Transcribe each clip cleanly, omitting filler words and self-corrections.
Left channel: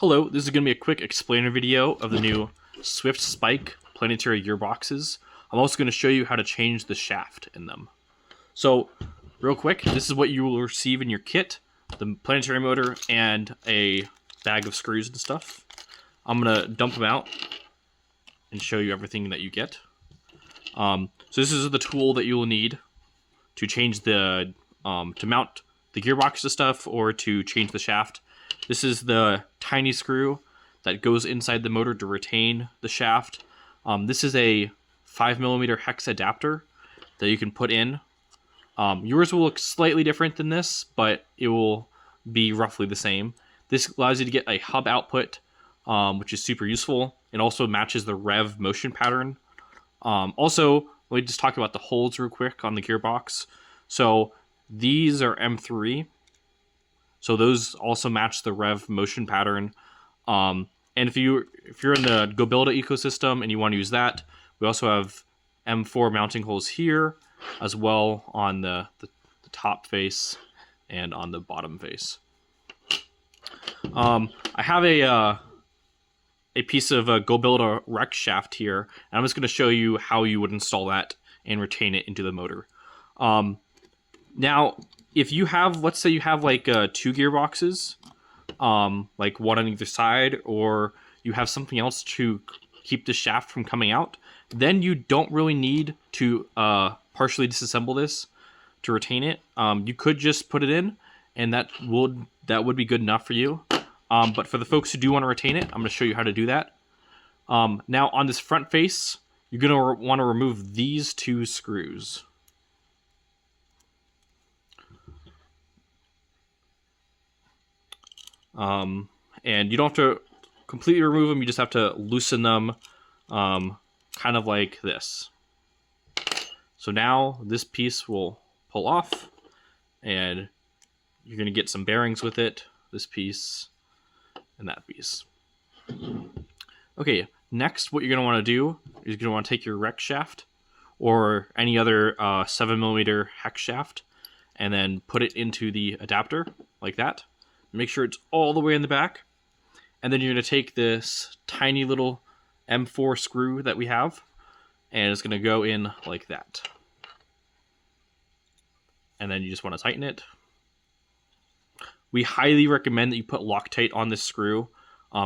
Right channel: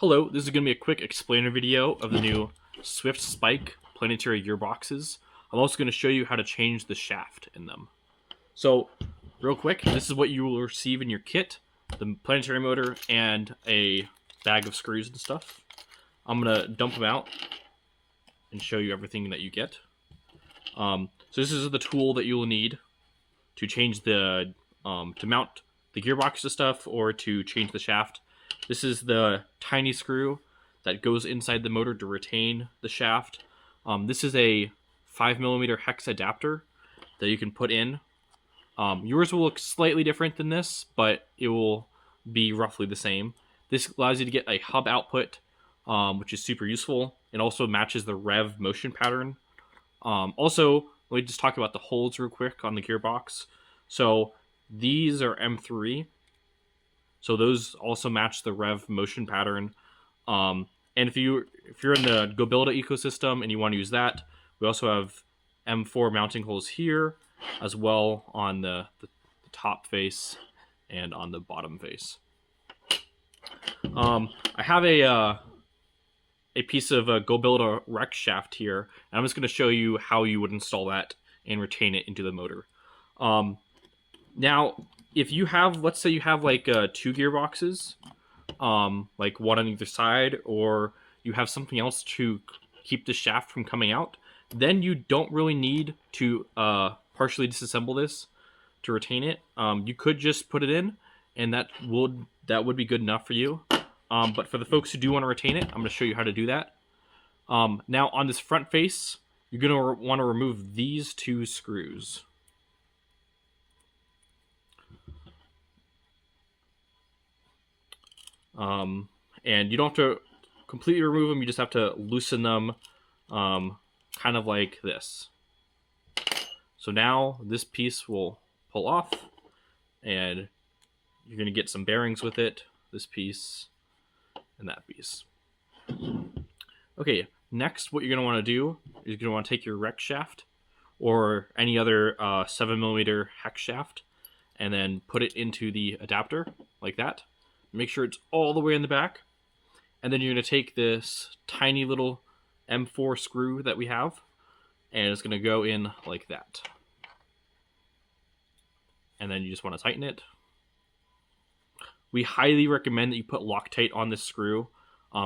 Hello, this is going to be a quick explainer video of the new SWYFT Spike Planetary gearboxes. I'm also going to show you how to change the shaft in them. So, real quick, this is what you will receive in your kit. The planetary motor and a bag of screws and stuff. I'm going to dump them out and show you everything that you get. So this is the tool that you will need to change the, to mount the gearbox to stuff or to change the shaft. This is the tiny screw that goes inside the motor to retain the shaft. This is a 5mm hex adapter that you can put in. Yours will look slightly different than this, but it will be roughly the same. This allows you to get a hub output, which is super useful. It also matches the rev motion pattern. Also, let me just talk about the holes real quick on the gearbox. So these are M3. So those also match the rev motion pattern. And if you're in the GoBuilda ecosystem and you want to use that, we also have M4 mounting holes here, as well on the top face and on the bottom face. I have a piece of a GoBuilda rec shaft here, and I'm just going to show you how you would install that and retain it into the motor. Now, if you have, let's say you have like 2 gearboxes, like one on either side, or you have something else to keep the shaft from coming out, then you don't really need to partially disassemble this to retain it. You could just put it in, and that would be good enough for you. But for the folks who do want to retain it, I'm going to show you how to do that. Now on this front face, you're going to want to remove these 2 screws. And you don't have to completely remove them, you just have to loosen them, kind of like this. So now this piece will pull off, and you're going to get some bearings with it, this piece and that piece. Okay, next what you're going to want to do is you're going to want to take your rec shaft or any other 7mm hex shaft and then put it into the adapter like that. Make sure it's all the way in the back. And then you're going to take this tiny little M4 screw that we have, and it's going to go in like that. And then you just want to tighten it. We highly recommend that you put Loctite on this screw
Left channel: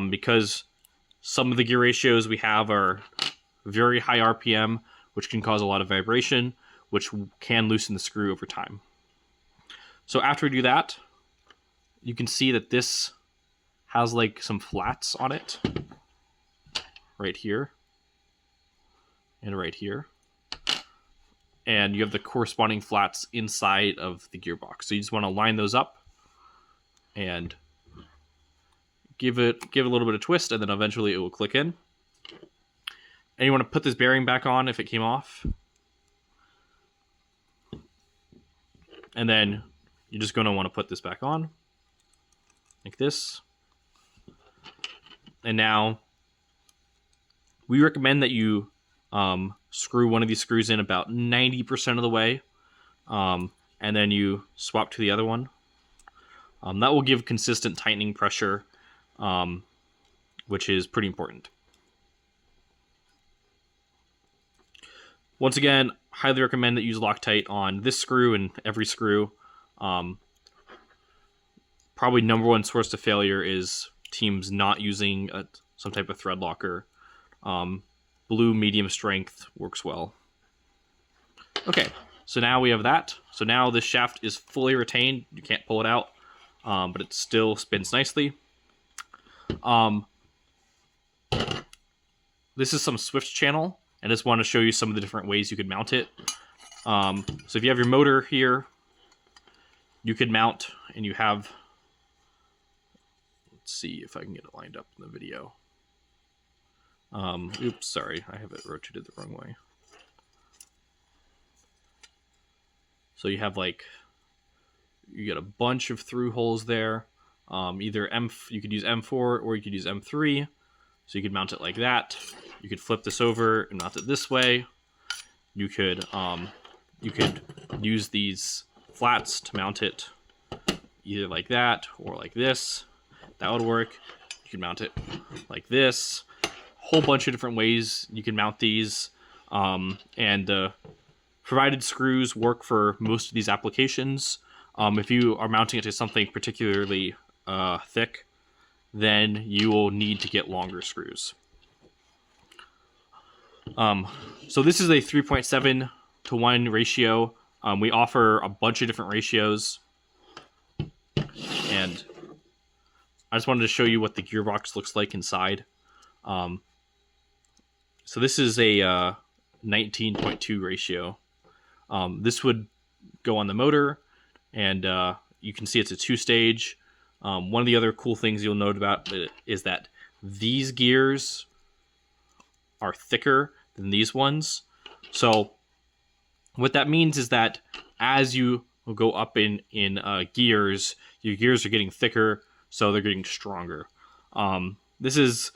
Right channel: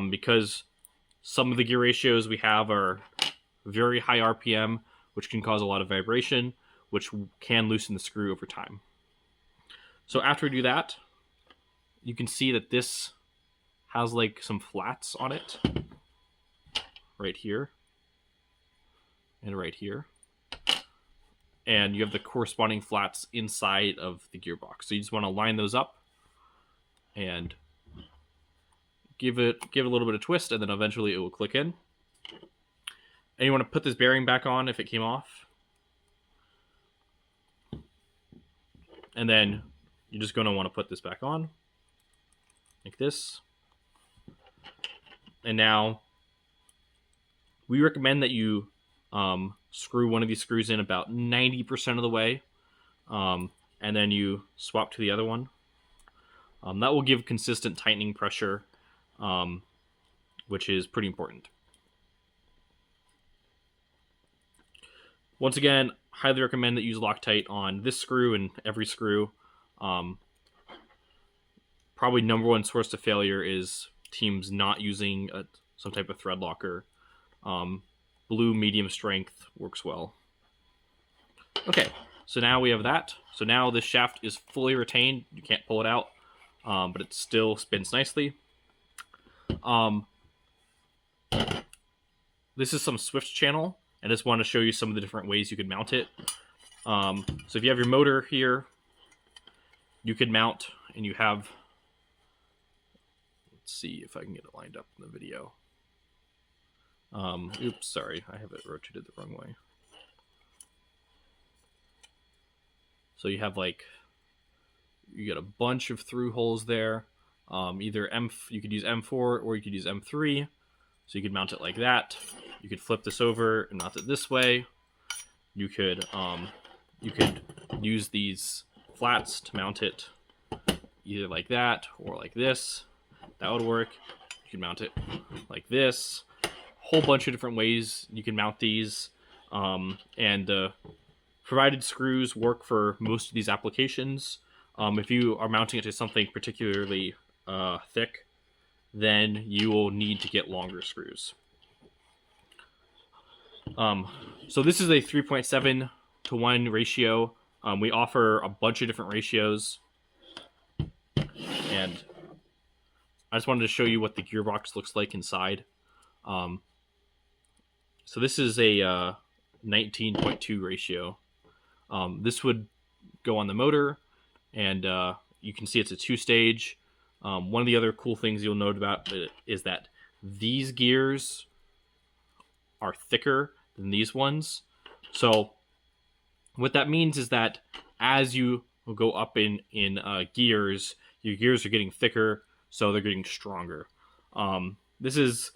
because some of the gear ratios we have are very high RPM, which can cause a lot of vibration, which can loosen the screw over time. So after we do that, you can see that this has like some flats on it right here and right here, and you have the corresponding flats inside of the gearbox. So you just want to line those up and give it a little bit of twist, and then eventually it will click in. And you want to put this bearing back on if it came off, and then you're just going to want to put this back on like this. And now we recommend that you screw one of these screws in about 90% of the way, and then you swap to the other one. That will give consistent tightening pressure, which is pretty important. Once again, highly recommend that you use Loctite on this screw and every screw. Probably #1 source of failure is teams not using some type of thread locker. Blue medium strength works well. Okay, so now we have that. So now this shaft is fully retained. You can't pull it out, but it still spins nicely. This is some SWYFT channel, and I just want to show you some of the different ways you could mount it. So if you have your motor here, you could mount, and you have, let's see if I can get it lined up in the video. Oops, sorry, I have it rotated the wrong way. So you have like, you get a bunch of through holes there. Either you could use M4 or you could use M3. So you could mount it like that. You could flip this over and mount it this way. You could use these flats to mount it either like that or like this. That would work. You You can mount it like this. Whole bunch of different ways you can mount these, and the provided screws work for most of these applications. If you are mounting it to something particularly thick, then you will need to get longer screws. So this is a 3.7 to 1 ratio. We offer a bunch of different ratios, and I just wanted to show you what the gearbox looks like inside. So this is a 19.2 ratio. This would go on the motor, and you can see it's a 2-stage. One of the other cool things you'll note about it is that these gears are thicker than these ones. So what that means is that as you go up in gears, your gears are getting thicker, so they're getting stronger. This is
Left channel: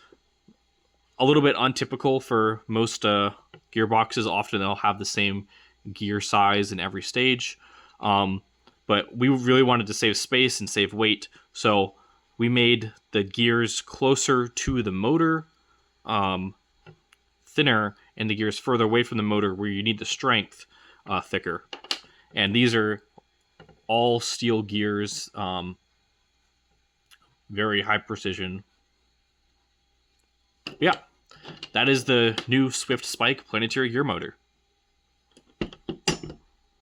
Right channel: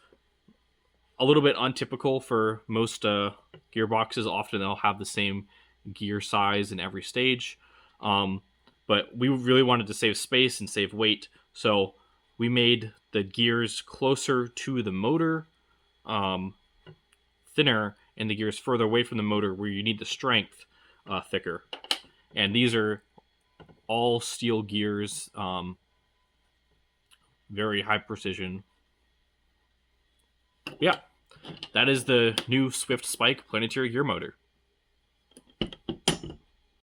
a little bit untypical for most gearboxes. Often they'll have the same gear size in every stage. But we really wanted to save space and save weight, so we made the gears closer to the motor, thinner, and the gears further away from the motor where you need the strength, thicker. And these are all steel gears, very high precision. Yeah, that is the new SWYFT Spike Planetary gear motor.